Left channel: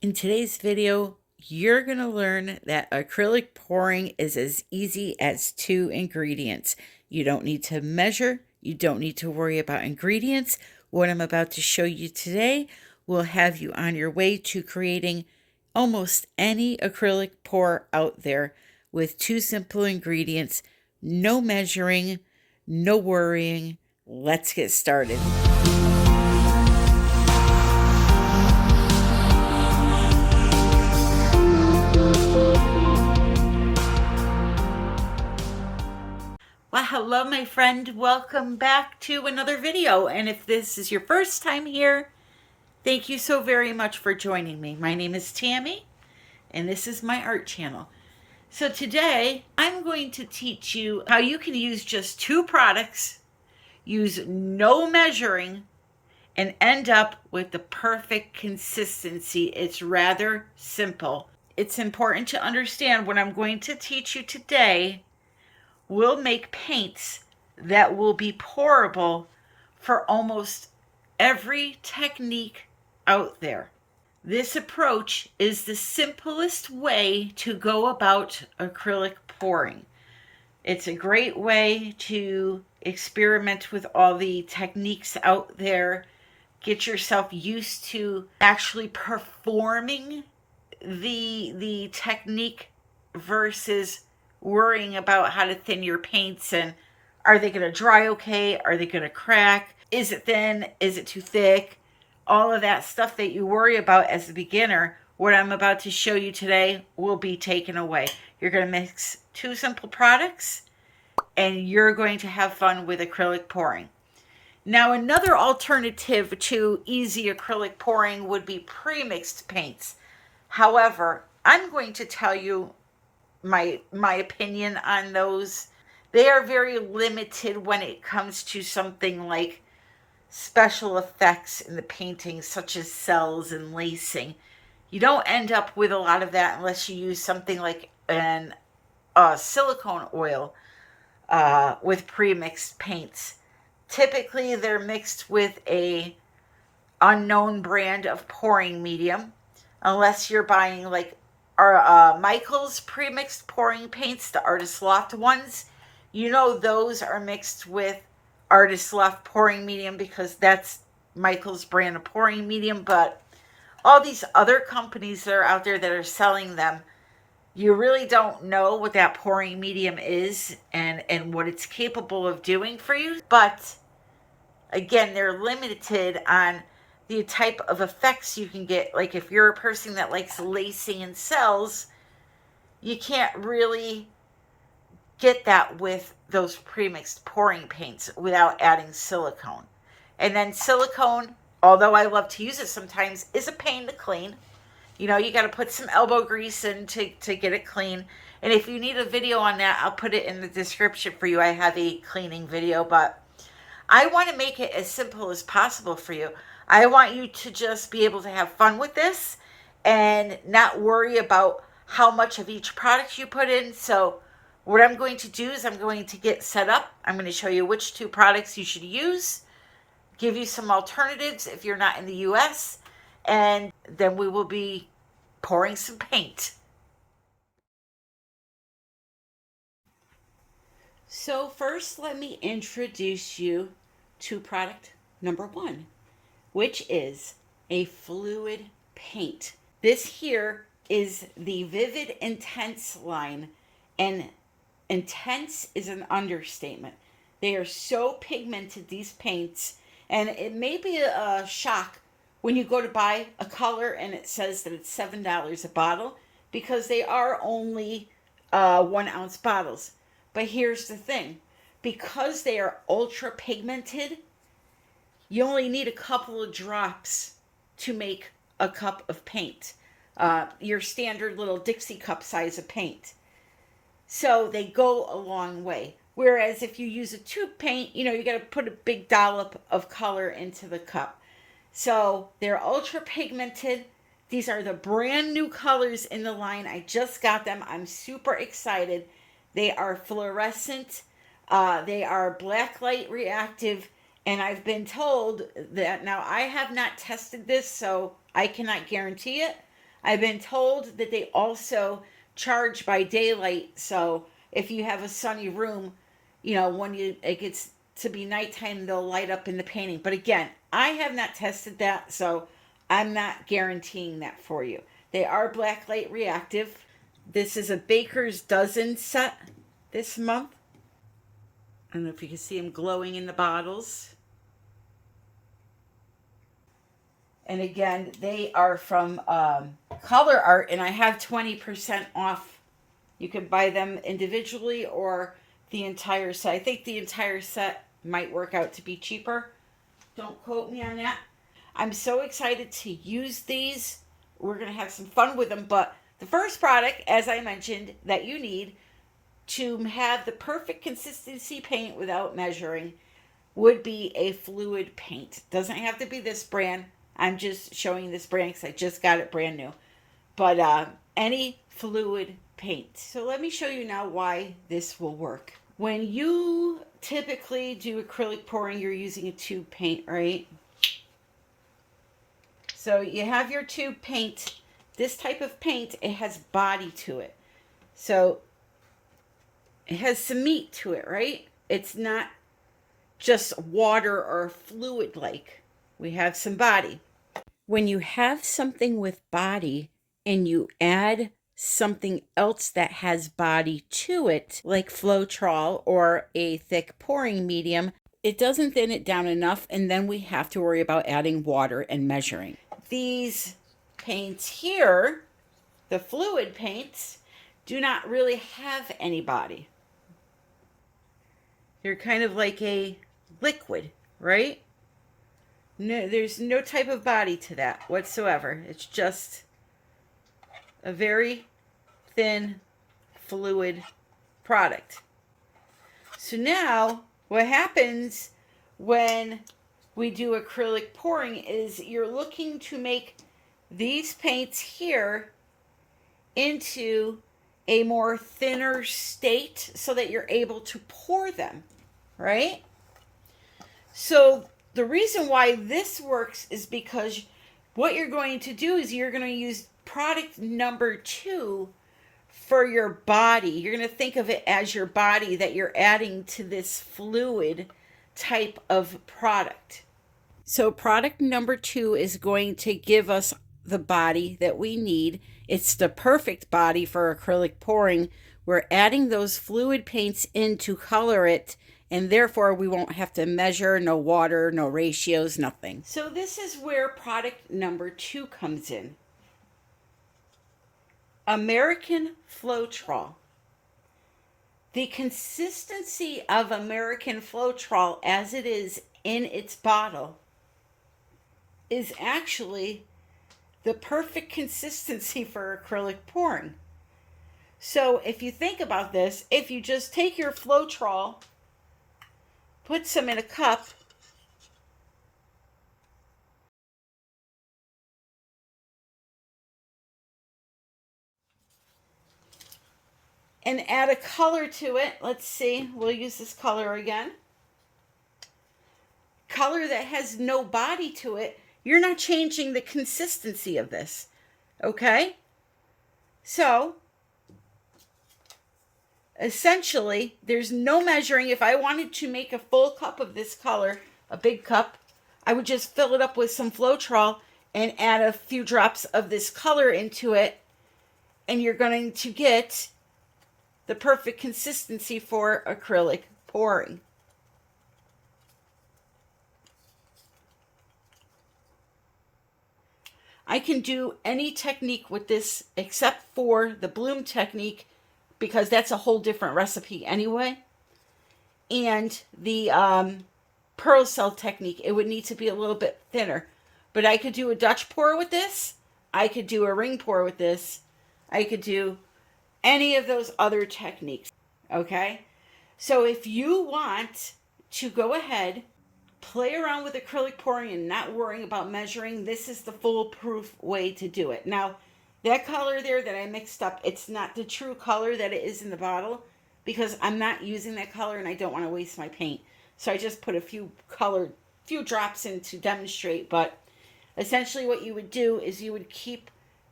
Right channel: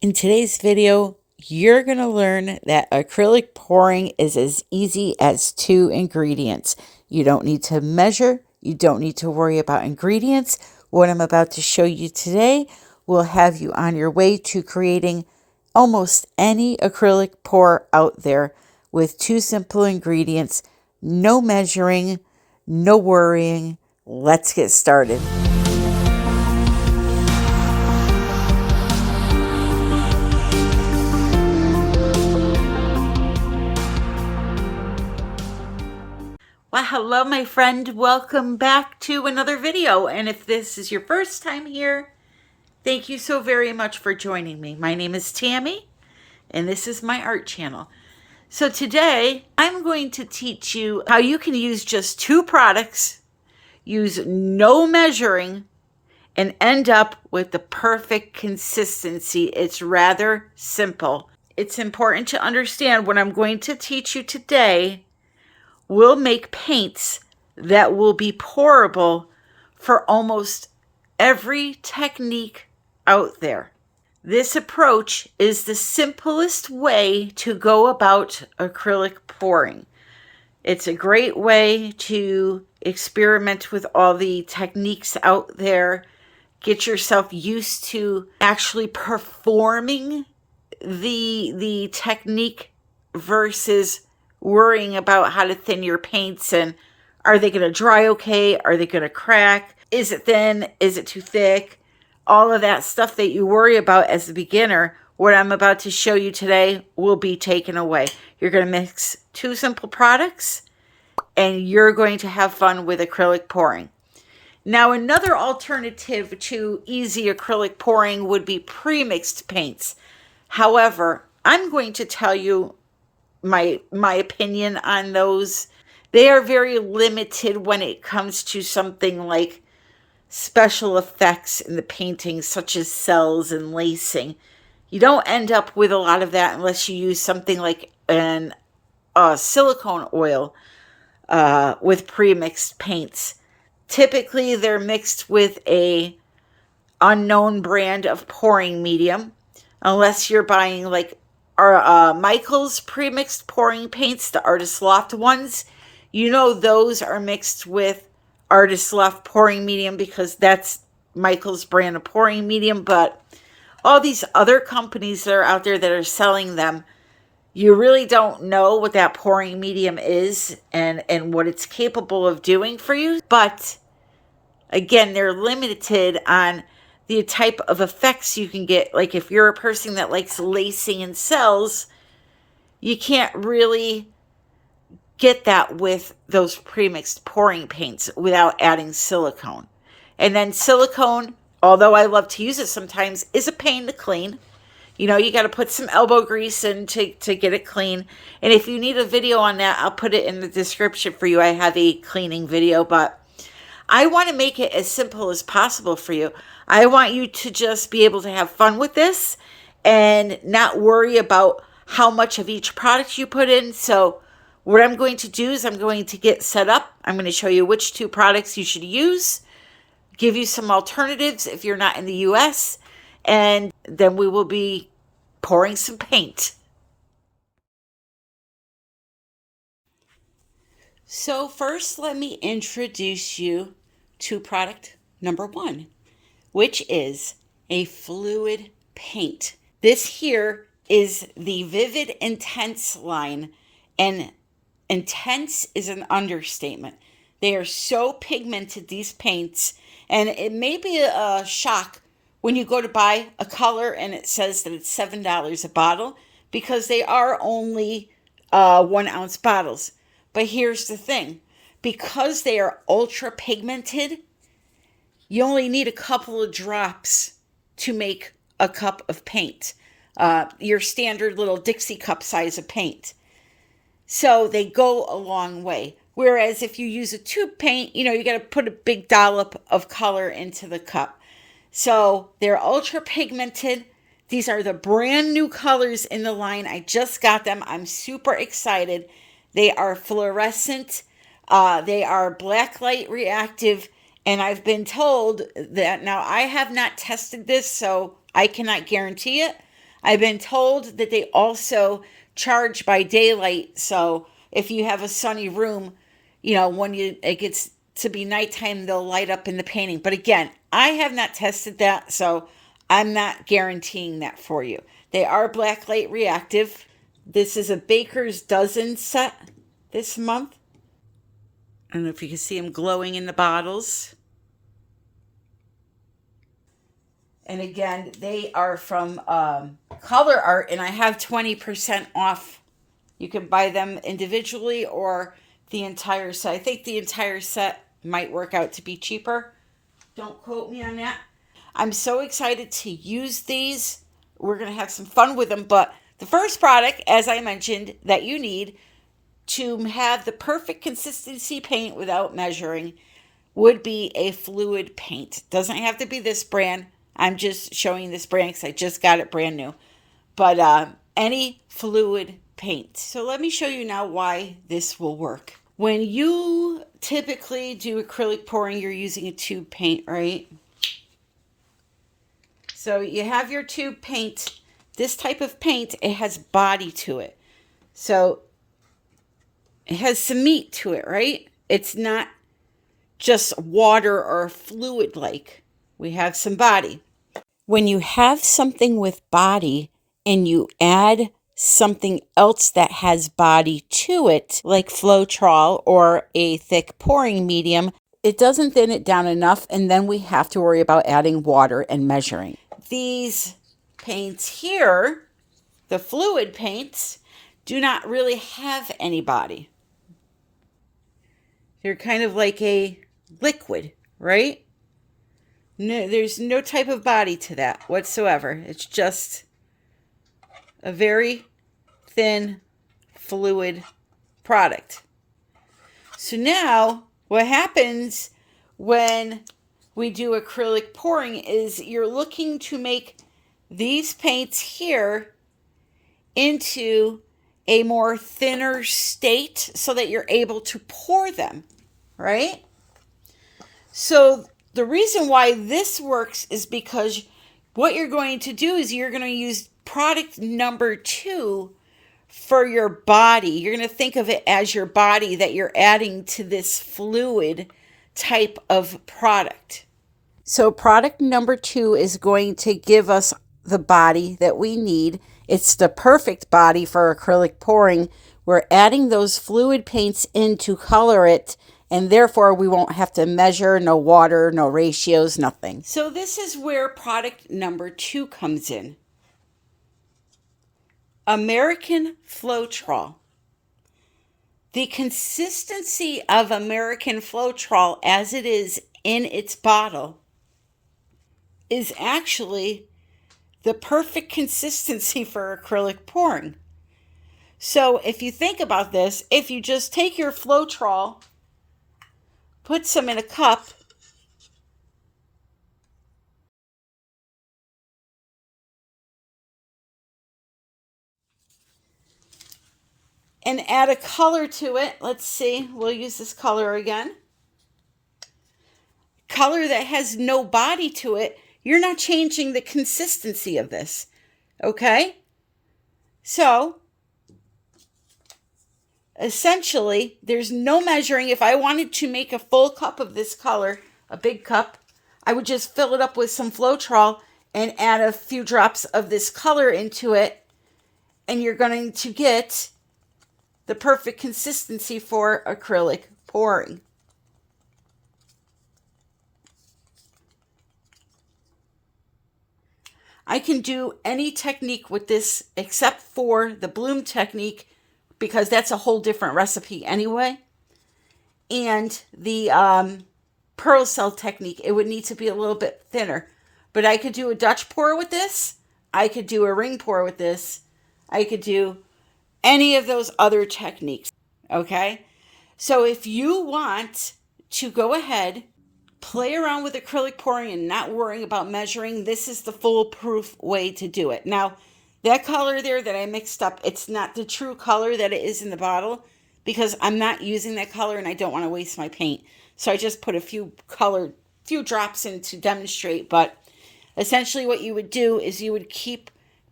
In today's video, you're going to learn that acrylic pouring is as easy as 2 ingredients. You don't need to measure. You don't need to worry about ingredients. What I'm about to show you today will have you on your way to creating almost any acrylic pour out there with 2 simple ingredients. No measuring, no worrying. Let's get started. Well, hello, my friend. Welcome back to another video. And if this is your first time here, thank you so very much for joining me. My name is Tammy, and this is my art channel. So today, I'm going to teach you how you can use just 2 products, use no measuring, and end up with the perfect consistency. It's rather simple. It's important to understand what I'm going to teach you today will make paints that will be pourable for almost every technique out there. This approach is the simplest way to go about acrylic pouring. It's a great way to experiment with all the techniques out there, get yourself used to actually performing the technique versus worrying about how to thin your paints and are they going to dry okay? Are they going to crack? Is it thin? Is it too thick? All of that stuff that you worry about as a beginner, what I'm about to show you today will be taken away. You're going to mix 2 simple products and you're going to have fun with acrylic pouring. Now, another alternative to easy acrylic pouring would be pre-mixed paints. However, I'm going to tell you my opinion on those. They are very limited when it comes to something like special effects in the painting, such as cells and lacing. You don't end up with a lot of that unless you use something like an silicone oil with pre-mixed paints. Typically, they're mixed with a unknown brand of pouring medium, unless you're buying like Michael's pre-mixed pouring paints, the Artist Loft ones. You know those are mixed with Artist Loft pouring medium because that's Michael's brand of pouring medium. But all these other companies that are out there that are selling them, you really don't know what that pouring medium is and what it's capable of doing for you. But again, they're limited on the type of effects you can get. Like if you're a person that likes lacing and cells, you can't really get that with those pre-mixed pouring paints without adding silicone. And then silicone, although I love to use it sometimes, is a pain to clean. You know, you got to put some elbow grease in to get it clean. And if you need a video on that, I'll put it in the description for you. I have a cleaning video, but I want to make it as simple as possible for you. I want you to just be able to have fun with this and not worry about how much of each product you put in. So what I'm going to do is I'm going to get set up. I'm going to show you which 2 products you should use, give you some alternatives if you're not in the US, and then we will be pouring some paint. So first, let me introduce you to product number 1, which is a fluid paint. This here is the Vivid Intense line, and intense is an understatement. They are so pigmented, these paints, and it may be a shock when you go to buy a color and it says that it's $7 a bottle because they are only 1-ounce bottles. But here's the thing, because they are ultra pigmented, you only need a couple of drops to make a cup of paint, your standard little Dixie cup size of paint. So they go a long way. Whereas if you use a tube paint, you know, you got to put a big dollop of color into the cup. So they're ultra pigmented. These are the brand new colors in the line. I just got them. I'm super excited. They are fluorescent. They are black light reactive. And I've been told that, now I have not tested this, so I cannot guarantee it. I've been told that they also charge by daylight. So if you have a sunny room, you know, when it gets to be nighttime, they'll light up in the painting. But again, I have not tested that, so I'm not guaranteeing that for you. They are black light reactive. This is a baker's dozen set this month. I don't know if you can see them glowing in the bottles. And again, they are from Color Art, and I have 20% off. You can buy them individually or the entire set. I think the entire set might work out to be cheaper. Don't quote me on that. I'm so excited to use these. We're going to have some fun with them. But the first product, as I mentioned, that you need to have the perfect consistency paint without measuring would be a fluid paint. Doesn't have to be this brand. I'm just showing this brand because I just got it brand new. But any fluid paint. So let me show you now why this will work. When you typically do acrylic pouring, you're using a tube paint, right? So you have your tube paint. This type of paint, it has body to it. So it has some meat to it, right? It's not just water or fluid like. We have some body. When you have something with body and you add something else that has body to it, like Floetrol or a thick pouring medium, it doesn't thin it down enough, and then we have to worry about adding water and measuring. These paints here, the fluid paints, do not really have any body. They're kind of like a liquid, right? No, there's no type of body to that whatsoever. It's just a very thin fluid product. So now what happens when we do acrylic pouring is you're looking to make these paints here into a more thinner state so that you're able to pour them, right? So the reason why this works is because what you're going to do is you're going to use product number 2 for your body. You're going to think of it as your body that you're adding to this fluid type of product. So product number 2 is going to give us the body that we need. It's the perfect body for acrylic pouring. We're adding those fluid paints in to color it, and therefore we won't have to measure, no water, no ratios, nothing. So this is where product number 2 comes in. American Floetrol. The consistency of American Floetrol as it is in its bottle is actually the perfect consistency for acrylic pouring. So if you think about this, if you just take your Floetrol, put some in a cup, and add a color to it. Let's see, we'll use this color again. Color that has no body to it, you're not changing the consistency of this, okay? So, essentially, there's no measuring. If I wanted to make a full cup of this color, a big cup, I would just fill it up with some Floetrol and add a few drops of this color into it, and you're going to get the perfect consistency for acrylic pouring. I can do any technique with this except for the bloom technique, because that's a whole different recipe anyway. And the pearl cell technique, it would need to be a little bit thinner. But I could do a Dutch pour with this. I could do a ring pour with this. I could do any of those other techniques, okay? So if you want to go ahead, play around with acrylic pouring and not worrying about measuring, this is the foolproof way to do it. Now, that color there that I mixed up, it's not the true color that it is in the bottle, because I'm not using that color and I don't want to waste my paint. So I just put a few drops in to demonstrate. But essentially what you would do is you would keep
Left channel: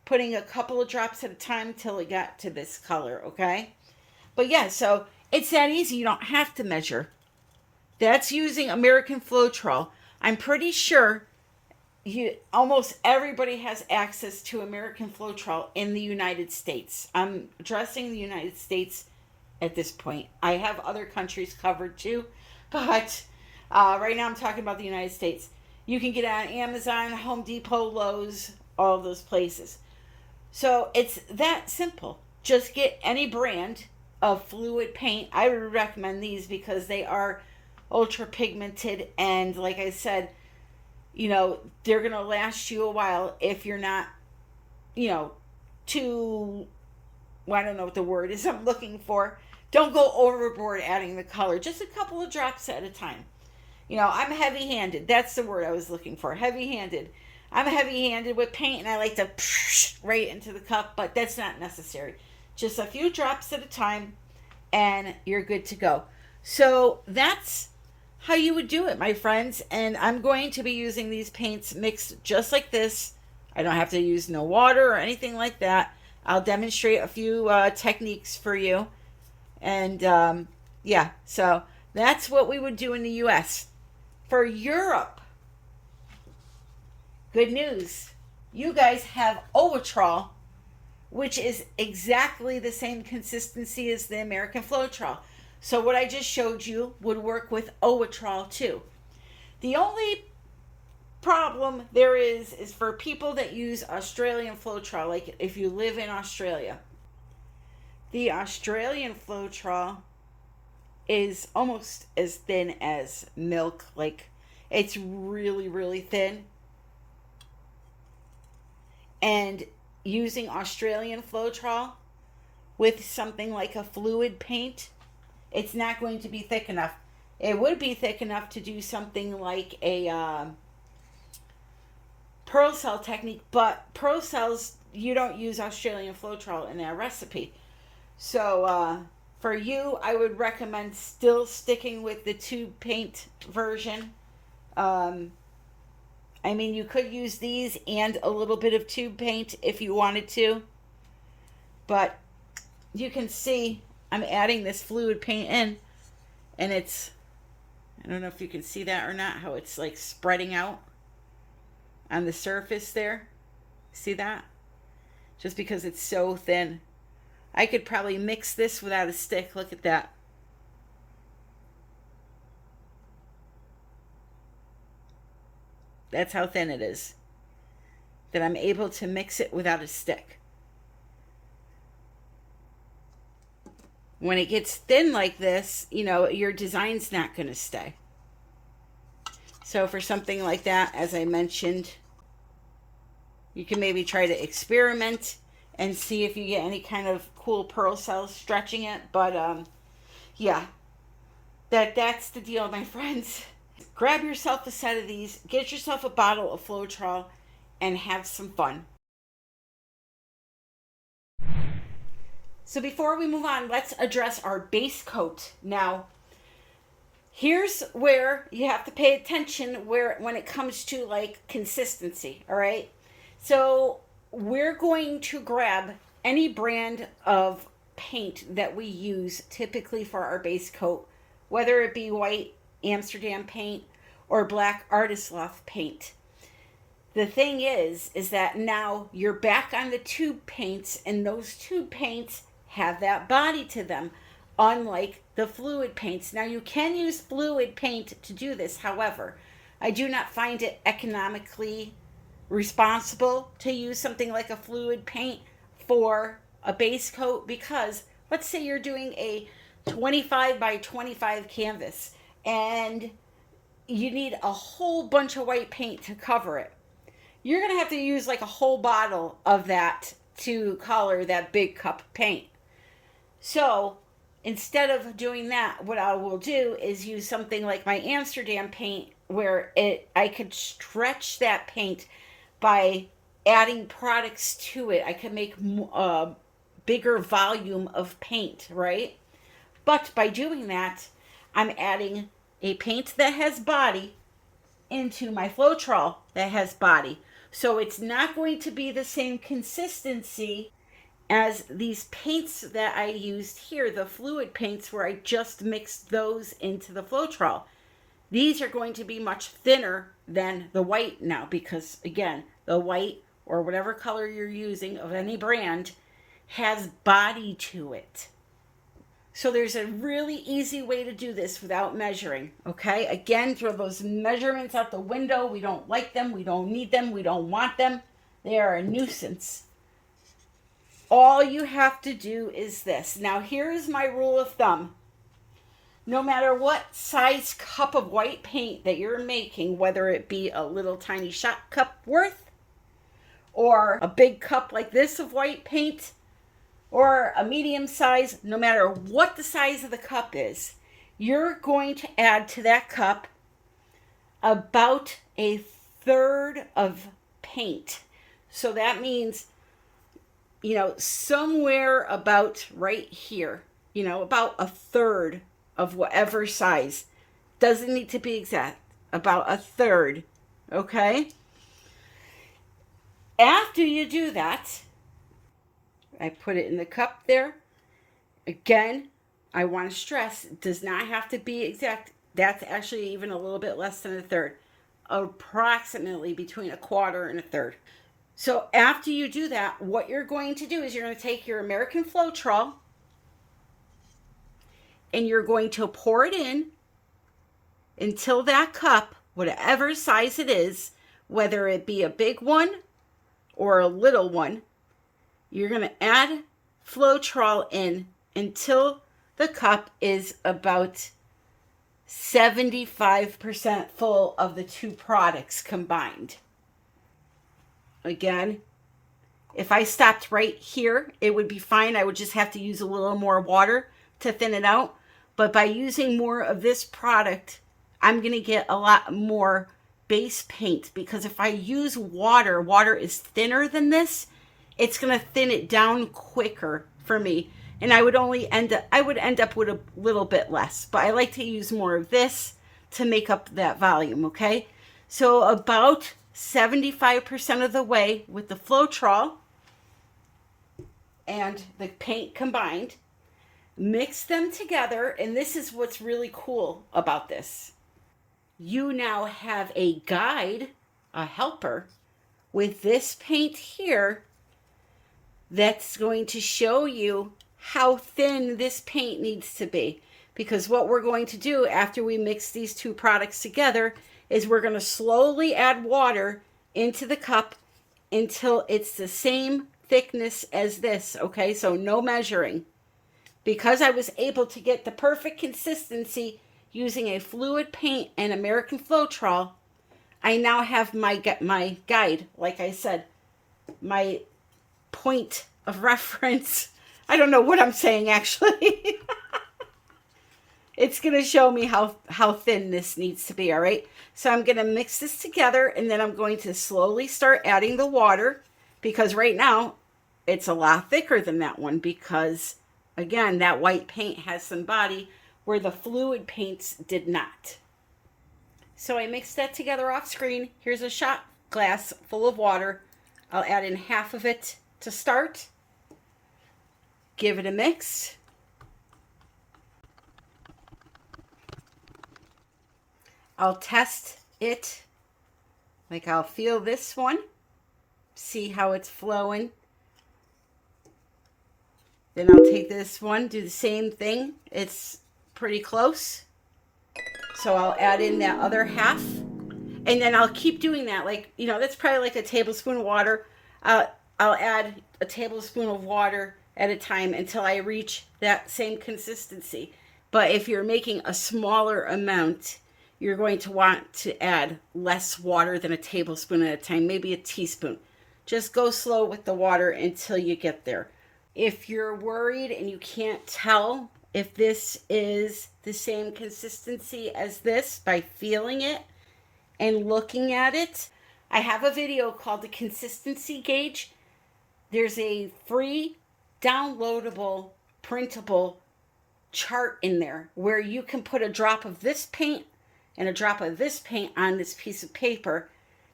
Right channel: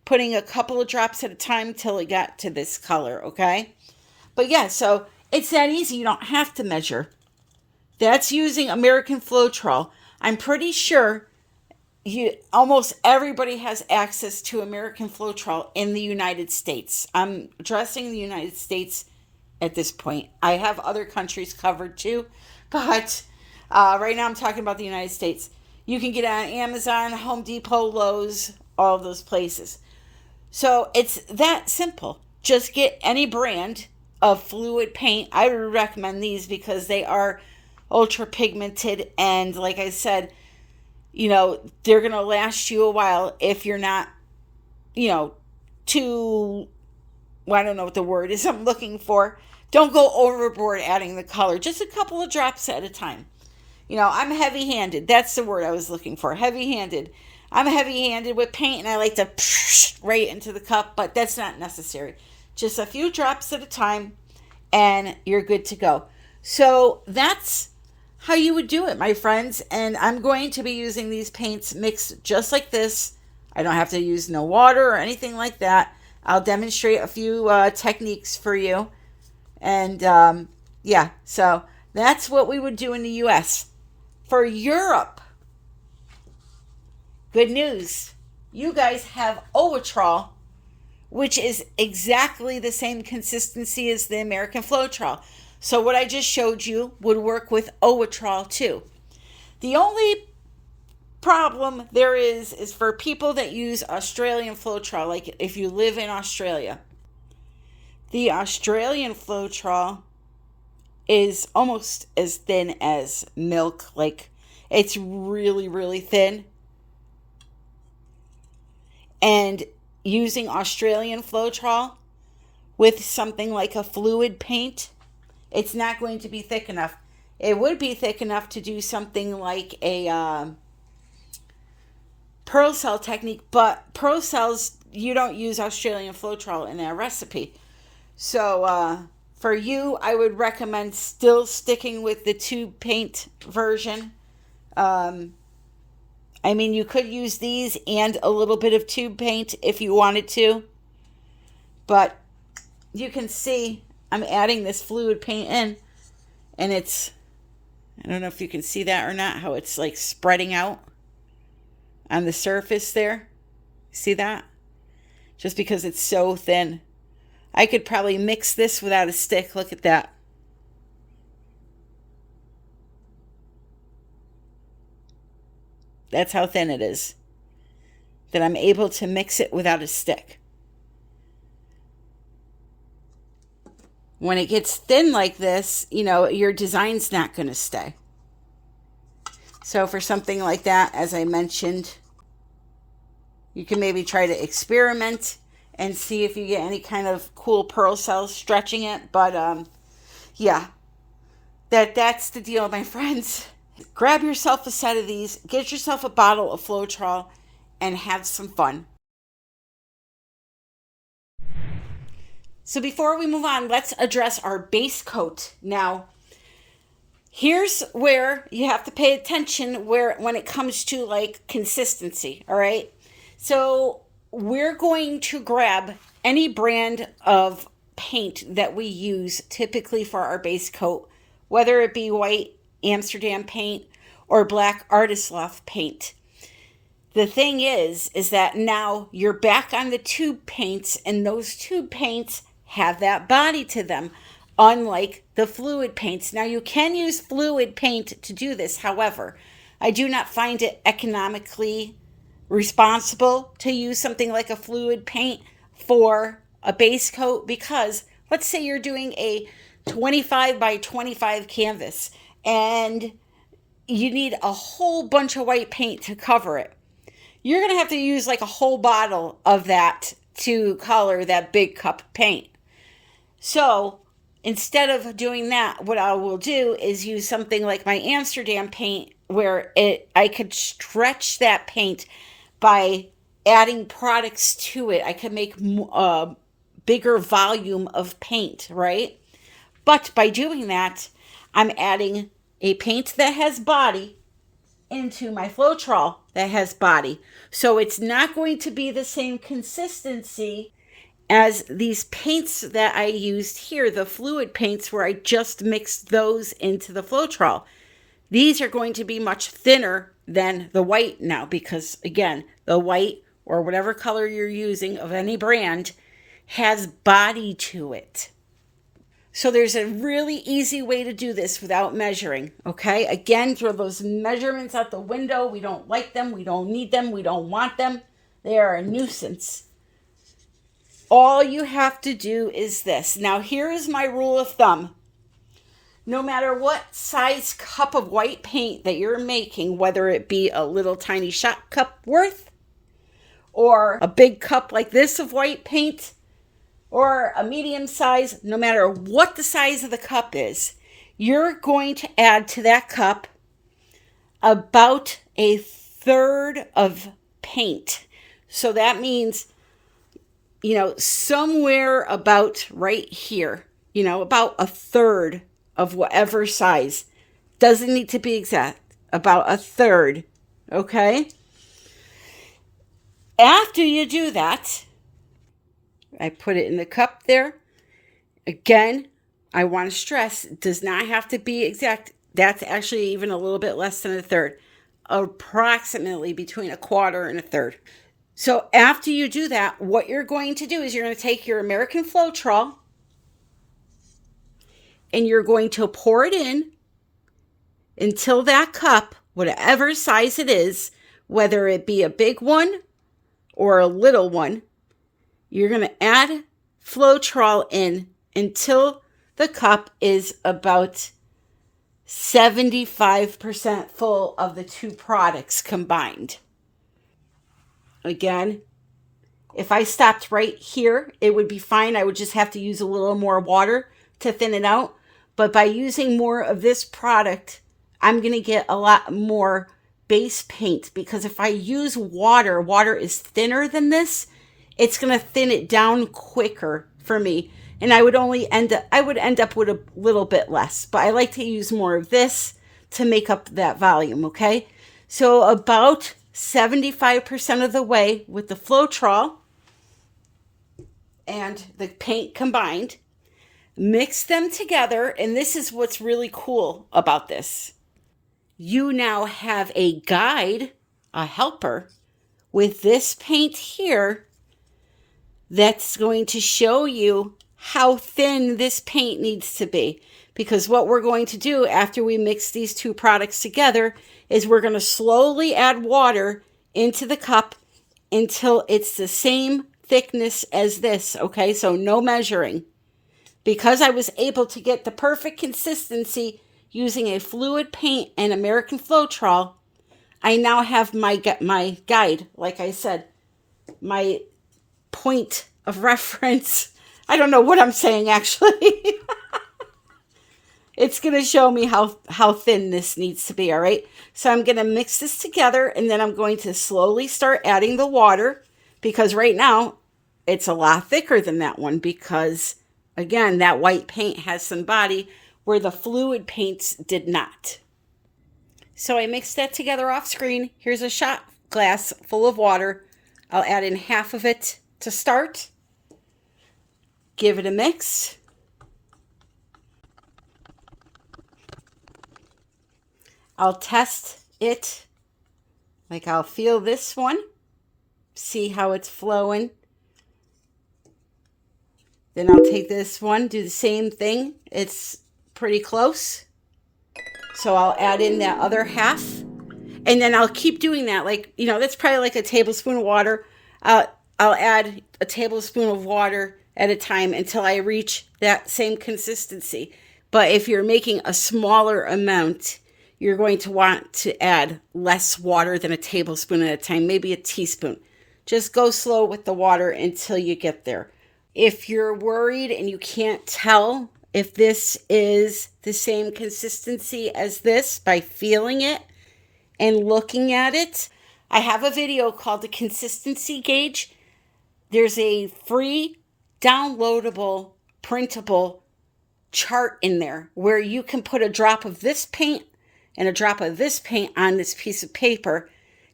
putting a couple of drops at a time till it got to this color, okay? But yeah, so it's that easy. You don't have to measure. That's using American Floetrol. I'm pretty sure almost everybody has access to American Floetrol in the United States. I'm addressing the United States at this point. I have other countries covered too, but right now I'm talking about the United States. You can get it on Amazon, Home Depot, Lowe's, all of those places. So it's that simple. Just get any brand of fluid paint. I would recommend these because they are ultra pigmented, and like I said, they're going to last you a while if you're not, too, well, I don't know what the word is I'm looking for. Don't go overboard adding the color. Just a couple of drops at a time. I'm heavy-handed. That's the word I was looking for. Heavy-handed. I'm heavy-handed with paint, and I like to right into the cup, but that's not necessary. Just a few drops at a time, and you're good to go. So that's how you would do it, my friends. And I'm going to be using these paints mixed just like this. I don't have to use no water or anything like that. I'll demonstrate a few techniques for you. And yeah, so that's what we would do in the U.S. For Europe, good news. You guys have Owatrol, which is exactly the same consistency as the American Floetrol. So what I just showed you would work with Owatrol too. The only problem there is for people that use Australian Floetrol, like if you live in Australia. The Australian Floetrol is almost as thin as milk. Like, it's really, really thin. And using Australian Floetrol with something like a fluid paint, it's not going to be thick enough. It would be thick enough to do something like a pearl cell technique, but pearl cells, you don't use Australian Floetrol in that recipe. So for you, I would recommend still sticking with the tube paint version. I mean, you could use these and a little bit of tube paint if you wanted to. But you can see I'm adding this fluid paint in. And it's, I don't know if you can see that or not, how it's like spreading out on the surface there. See that? Just because it's so thin. I could probably mix this without a stick. Look at that. That's how thin it is. That I'm able to mix it without a stick. When it gets thin like this, your design's not going to stay. So for something like that, as I mentioned, you can maybe try to experiment and see if you get any kind of cool pearl cells stretching it. But yeah, that's the deal, my friends. Grab yourself a set of these, get yourself a bottle of Floetrol, and have some fun. So before we move on, let's address our base coat. Now, here's where you have to pay attention when it comes to like consistency, all right? So we're going to grab any brand of paint that we use typically for our base coat, whether it be white Amsterdam paint or black Artist Loft paint. The thing is that now you're back on the tube paints, and those tube paints have that body to them, unlike the fluid paints. Now you can use fluid paint to do this. However, I do not find it economically responsible to use something like a fluid paint for a base coat, because let's say you're doing a 25 by 25 canvas and you need a whole bunch of white paint to cover it. You're going to have to use like a whole bottle of that to color that big cup of paint. So instead of doing that, what I will do is use something like my Amsterdam paint, where I could stretch that paint by adding products to it. I could make a bigger volume of paint, right? But by doing that, I'm adding a paint that has body into my Floetrol that has body. So it's not going to be the same consistency as these paints that I used here, the fluid paints where I just mixed those into the Floetrol. These are going to be much thinner than the white now because, again, the white or whatever color you're using of any brand has body to it. So there's a really easy way to do this without measuring, okay? Again, throw those measurements out the window. We don't like them. We don't need them. We don't want them. They are a nuisance. All you have to do is this. Now, here is my rule of thumb. No matter what size cup of white paint that you're making, whether it be a little tiny shot cup worth or a big cup like this of white paint or a medium size, no matter what the size of the cup is, you're going to add to that cup about a third of paint. So that means, somewhere about right here, about a third of whatever size. Doesn't need to be exact, about a third, okay? After you do that, I put it in the cup there. Again, I want to stress, it does not have to be exact. That's actually even a little bit less than a third, approximately between a quarter and a third. So after you do that, what you're going to do is you're going to take your American Floetrol and you're going to pour it in until that cup, whatever size it is, whether it be a big one or a little one, you're going to add Floetrol in until the cup is about 75% full of the two products combined. Again, if I stopped right here, it would be fine. I would just have to use a little more water to thin it out. But by using more of this product, I'm going to get a lot more base paint because if I use water, water is thinner than this. It's going to thin it down quicker for me. And I would end up with a little bit less. But I like to use more of this to make up that volume, okay? So about 75% of the way with the Floetrol and the paint combined. Mix them together, and this is what's really cool about this. You now have a guide, a helper, with this paint here that's going to show you how thin this paint needs to be. Because what we're going to do after we mix these two products together is we're going to slowly add water into the cup until it's the same thickness as this, okay? So no measuring. Because I was able to get the perfect consistency using a fluid paint and American Floetrol, I now have my guide, like I said, my point of reference. I don't know what I'm saying, actually. It's going to show me how thin this needs to be, all right? So I'm going to mix this together, and then I'm going to slowly start adding the water, because right now it's a lot thicker than that one because, again, that white paint has some body where the fluid paints did not. So I mixed that together off screen. Here's a shot glass full of water. I'll add in half of it to start. Give it a mix. I'll test it. Like I'll feel this one. See how it's flowing. Then I'll take this one, do the same thing. It's pretty close. So I'll add in that other half. And then I'll keep doing that. Like, that's probably like a tablespoon of water. I'll add a tablespoon of water at a time until I reach that same consistency. But if you're making a smaller amount, you're going to want to add less water than a tablespoon at a time, maybe a teaspoon. Just go slow with the water until you get there. If you're worried and you can't tell if this is the same consistency as this by feeling it and looking at it, I have a video called the Consistency Gauge. There's a free downloadable printable chart in there where you can put a drop of this paint and a drop of this paint on this piece of paper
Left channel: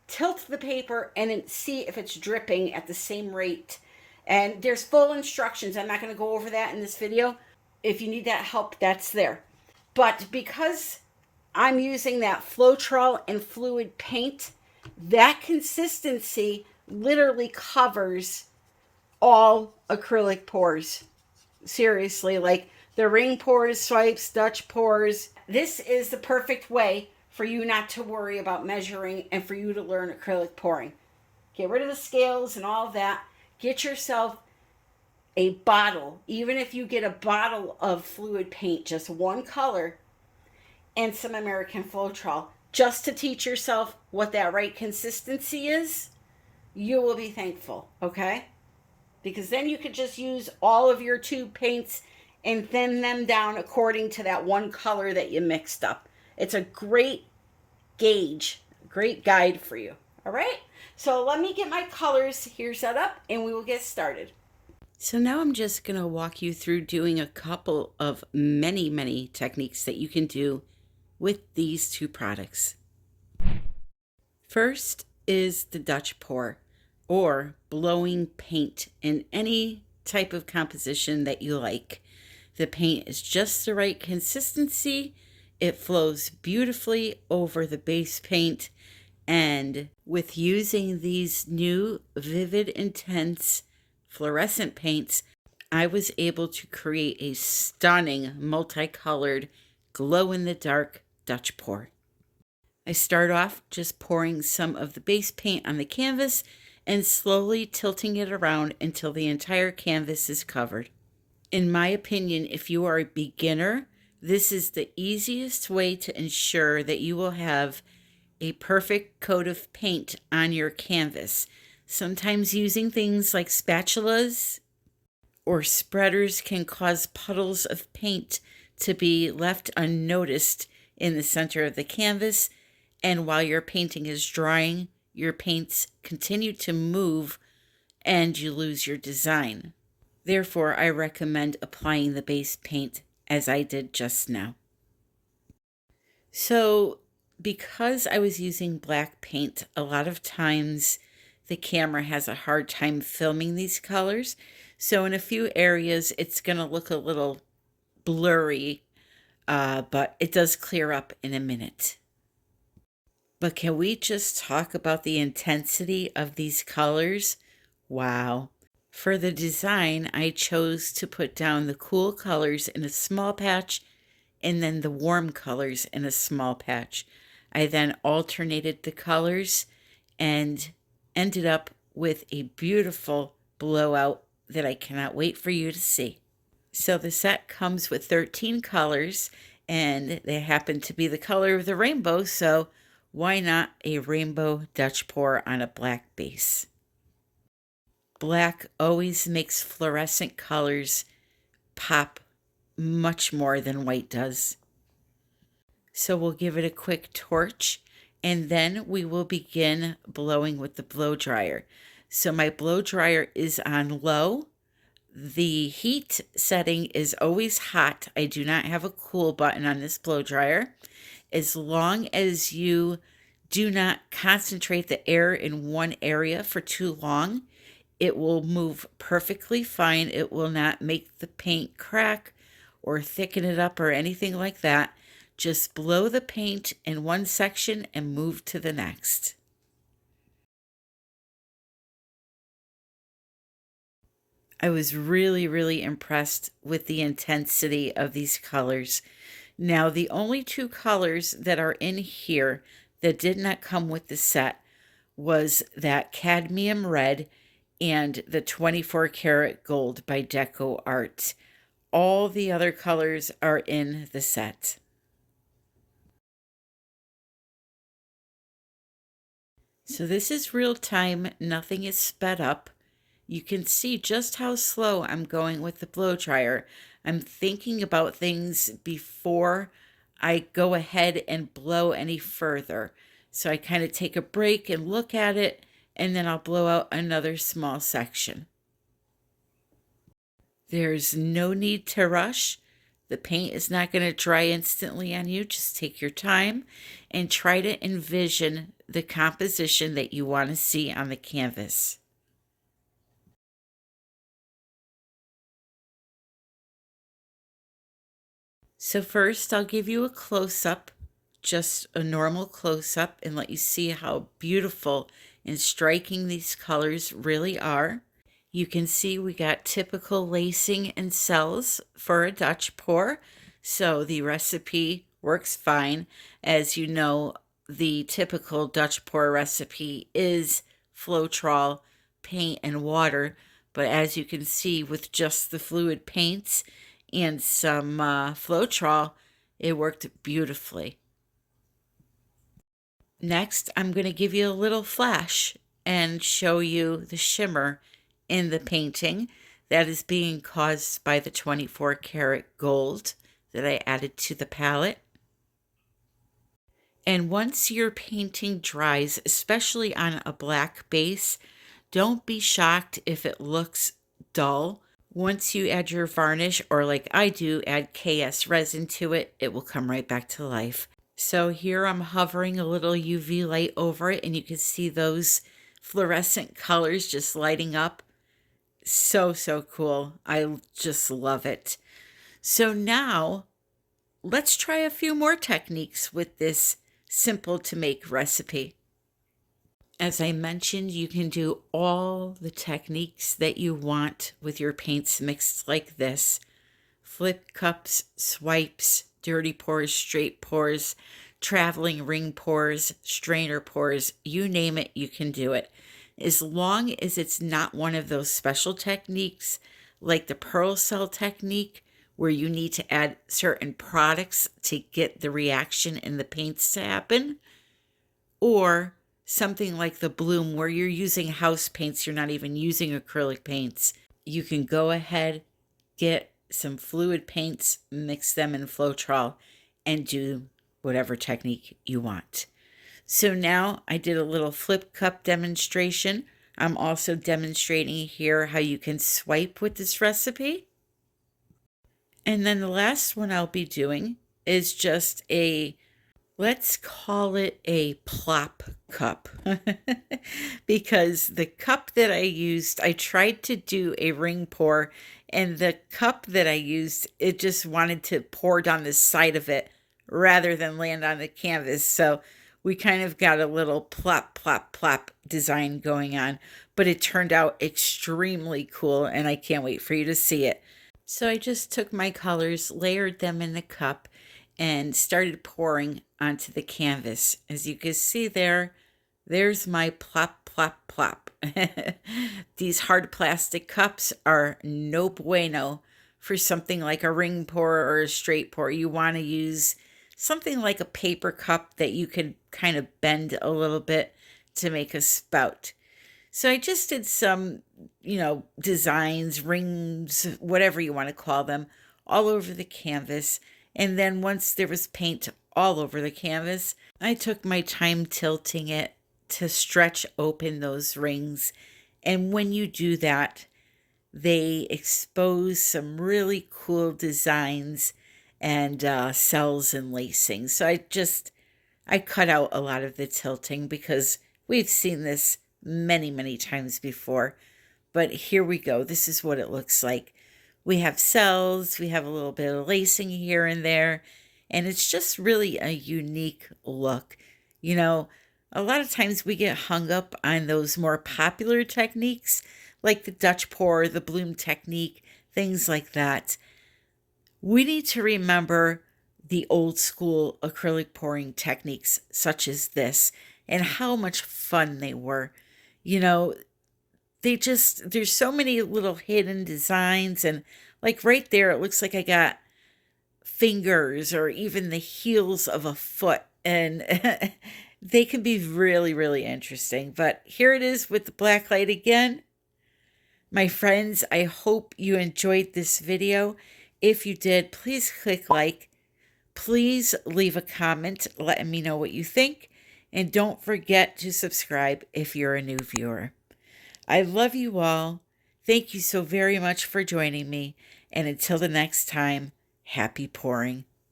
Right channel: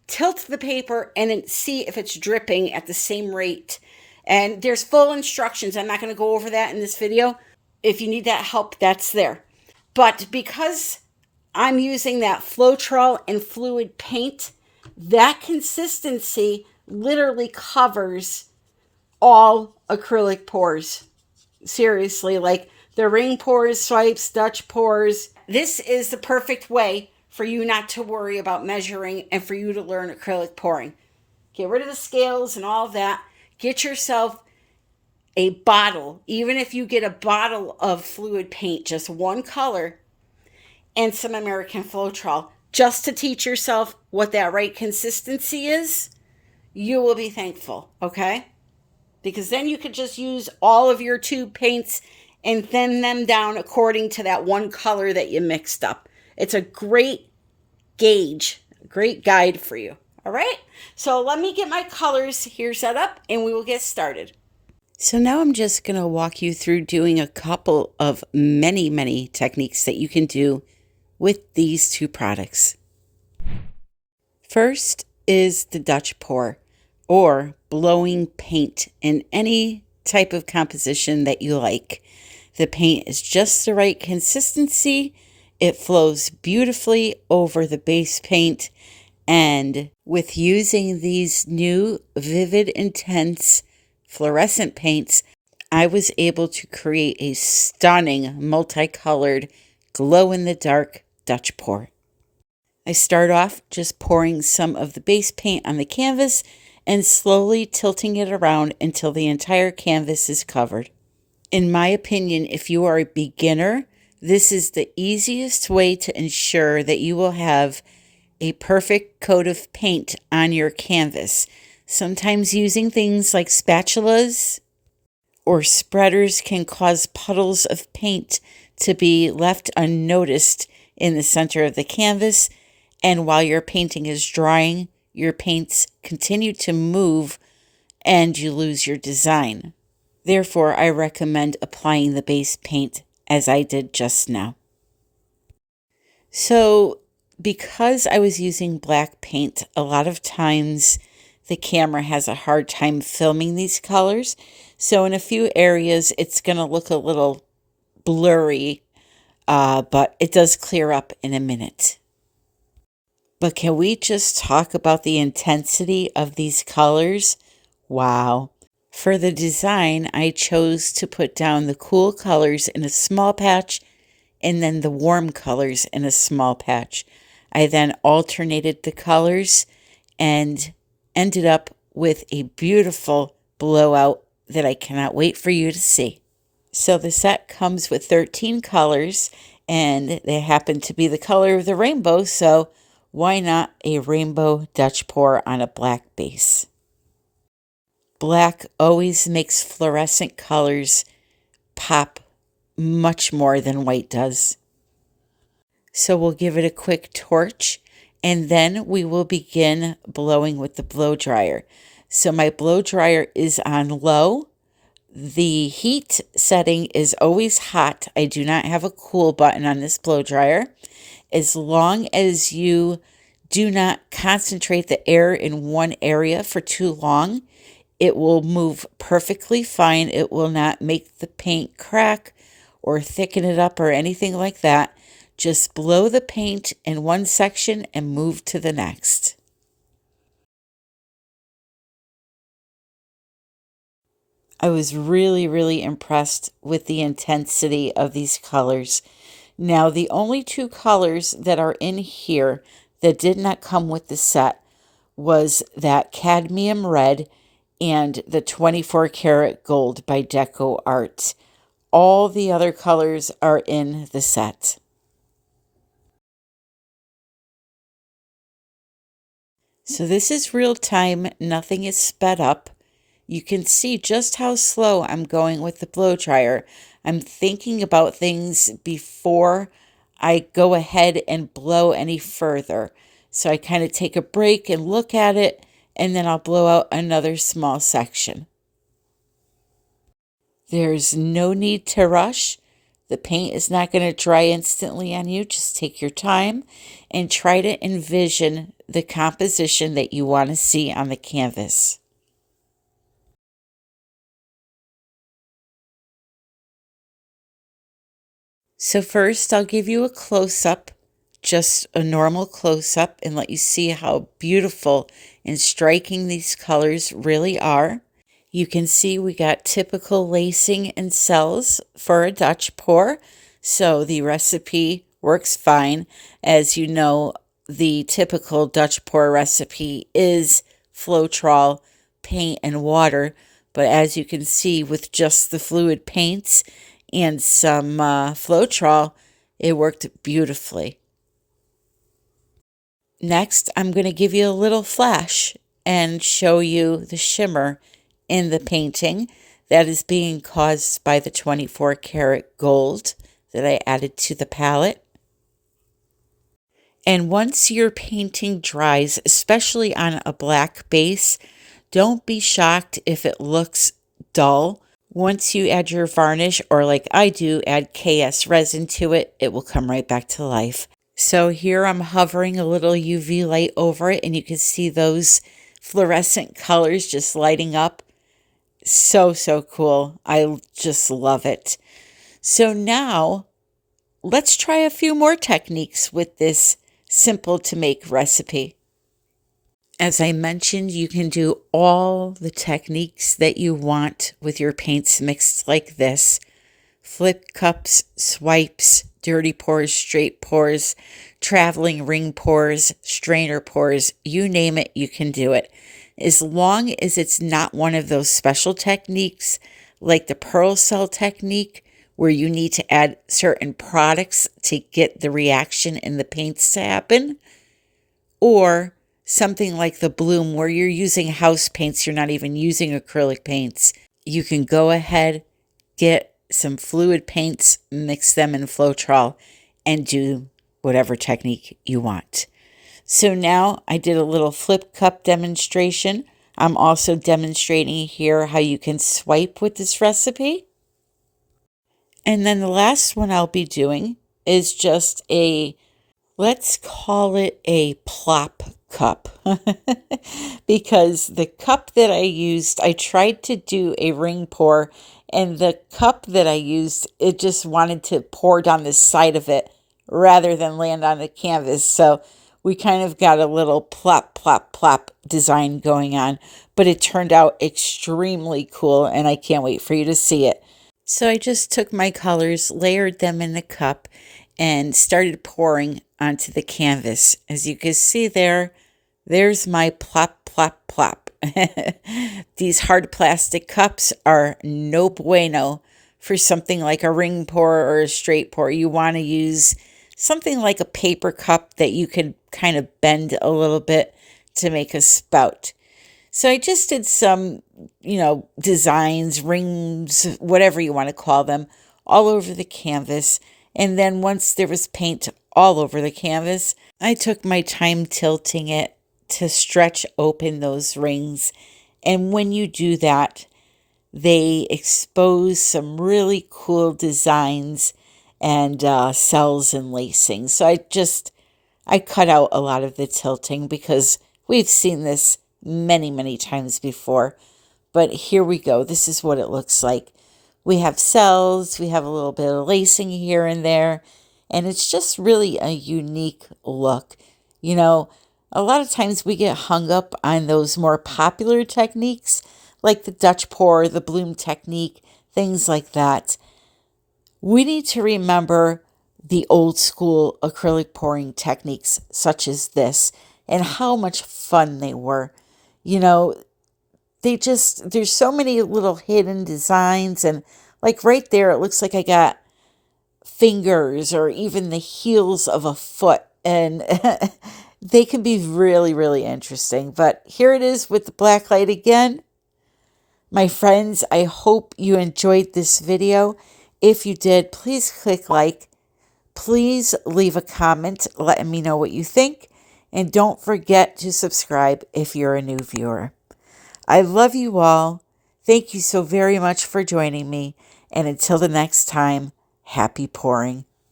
tilt the paper and then see if it's dripping at the same rate. And there's full instructions. I'm not going to go over that in this video. If you need that help, that's there. But because I'm using that Floetrol and fluid paint, that consistency literally covers all acrylic pores. Seriously, like the ring pores, swipes, Dutch pores. This is the perfect way for you not to worry about measuring and for you to learn acrylic pouring. Get rid of the scales and all of that. Get yourself a bottle, even if you get a bottle of fluid paint, just one color, and some American Floetrol, just to teach yourself what that right consistency is. You will be thankful, okay? Because then you could just use all of your tube paints and thin them down according to that one color that you mixed up. It's a great gauge, a great guide for you. All right, so let me get my colors here set up and we will get started. So now I'm just going to walk you through doing a couple of many techniques that you can do with these two products. First is the Dutch pour, or blowing paint in any type of composition that you like. The paint is just the right consistency. It flows beautifully over the base paint. And with using these new Vivid Intense fluorescent paints, I was able to create a stunning multicolored glow-in-the-dark Dutch pour. I start off just pouring some of the base paint on the canvas and slowly tilting it around until the entire canvas is covered. In my opinion, if you are a beginner, this is the easiest way to ensure that you will have a perfect coat of paint on your canvas. Sometimes using things like spatulas or spreaders can cause puddles of paint to be left unnoticed in the center of the canvas, and while your painting is drying, your paints continue to move and you lose your design. Therefore, I recommend applying the base paint as I did just now. So, because I was using black paint, a lot of times the camera has a hard time filming these colors. So in a few areas, it's going to look a little blurry, but it does clear up in a minute. But can we just talk about the intensity of these colors? Wow. For the design, I chose to put down the cool colors in a small patch and then the warm colors in a small patch. I then alternated the colors and ended up with a beautiful blowout that I cannot wait for you to see. So the set comes with 13 colors, and they happen to be the color of the rainbow, so why not a rainbow Dutch pour on a black base? Black always makes fluorescent colors pop much more than white does. So we'll give it a quick torch, and then we will begin blowing with the blow dryer. So my blow dryer is on low. The heat setting is always hot. I do not have a cool button on this blow dryer. As long as you do not concentrate the air in one area for too long, it will move perfectly fine. It will not make the paint crack or thicken it up or anything like that. Just blow the paint in one section and move to the next. I was really impressed with the intensity of these colors. Now, the only two colors that are in here that did not come with the set was that cadmium red and the 24 karat gold by Deco Arts. All the other colors are in the set. So this is real time, nothing is sped up. You can see just how slow I'm going with the blow dryer. I'm thinking about things before I go ahead and blow any further. So I kind of take a break and look at it, and then I'll blow out another small section. There's no need to rush. The paint is not going to dry instantly on you. Just take your time and try to envision the composition that you want to see on the canvas. So first I'll give you a close-up, just a normal close-up, and let you see how beautiful and striking these colors really are. You can see we got typical lacing and cells for a Dutch pour, so the recipe works fine. As you know, the typical Dutch pour recipe is Floetrol, paint, and water, but as you can see with just the fluid paints and some Floetrol, it worked beautifully. Next, I'm going to give you a little flash and show you the shimmer in the painting that is being caused by the 24 karat gold that I added to the palette. And once your painting dries, especially on a black base, don't be shocked if it looks dull. Once you add your varnish, or like I do, add KS resin to it, it will come right back to life. So here I'm hovering a little UV light over it, and you can see those fluorescent colors just lighting up. So, so cool. I just love it. So now let's try a few more techniques with this simple to make recipe. As I mentioned, you can do all the techniques that you want with your paints mixed like this. Flip cups, swipes, dirty pours, straight pours, traveling ring pours, strainer pours, you name it, you can do it. As long as it's not one of those special techniques like the pearl cell technique where you need to add certain products to get the reaction in the paints to happen, or something like the bloom where you're using house paints, you're not even using acrylic paints. You can go ahead, get some fluid paints, mix them in Floetrol, and do whatever technique you want. So now I did a little flip cup demonstration. I'm also demonstrating here how you can swipe with this recipe. And then the last one I'll be doing is just let's call it a plop cup. Because the cup that I used, I tried to do a ring pour, and the cup that I used, it just wanted to pour down the side of it rather than land on the canvas. So we kind of got a little plop, plop, plop design going on, but it turned out extremely cool, and I can't wait for you to see it. So I just took my colors, layered them in the cup, and started pouring onto the canvas. As you can see there's my plop, plop, plop. These hard plastic cups are no bueno for something like a ring pour or a straight pour. You want to use something like a paper cup that you can kind of bend a little bit to make a spout. So I just did some, designs, rings, whatever you want to call them, all over the canvas. And then once there was paint all over the canvas, I took my time tilting it to stretch open those rings. And when you do that, they expose some really cool designs and cells and lacing. So I cut out a lot of the tilting because we've seen this many, many times before. But here we go. This is what it looks like. We have cells, we have a little bit of lacing here and there, and it's just really a unique look. A lot of times we get hung up on those more popular techniques, like the Dutch pour, the bloom technique, things like that. We need to remember the old school acrylic pouring techniques such as this and how much fun they were. There's so many little hidden designs, and like right there, it looks like I got fingers or even the heels of a foot, and they can be really, really interesting. But here it is with the black light again. My friends, I hope you enjoyed this video. If you did, please click like. Please leave a comment letting me know what you think. And don't forget to subscribe if you're a new viewer. I love you all. Thank you so very much for joining me. And until the next time, happy pouring.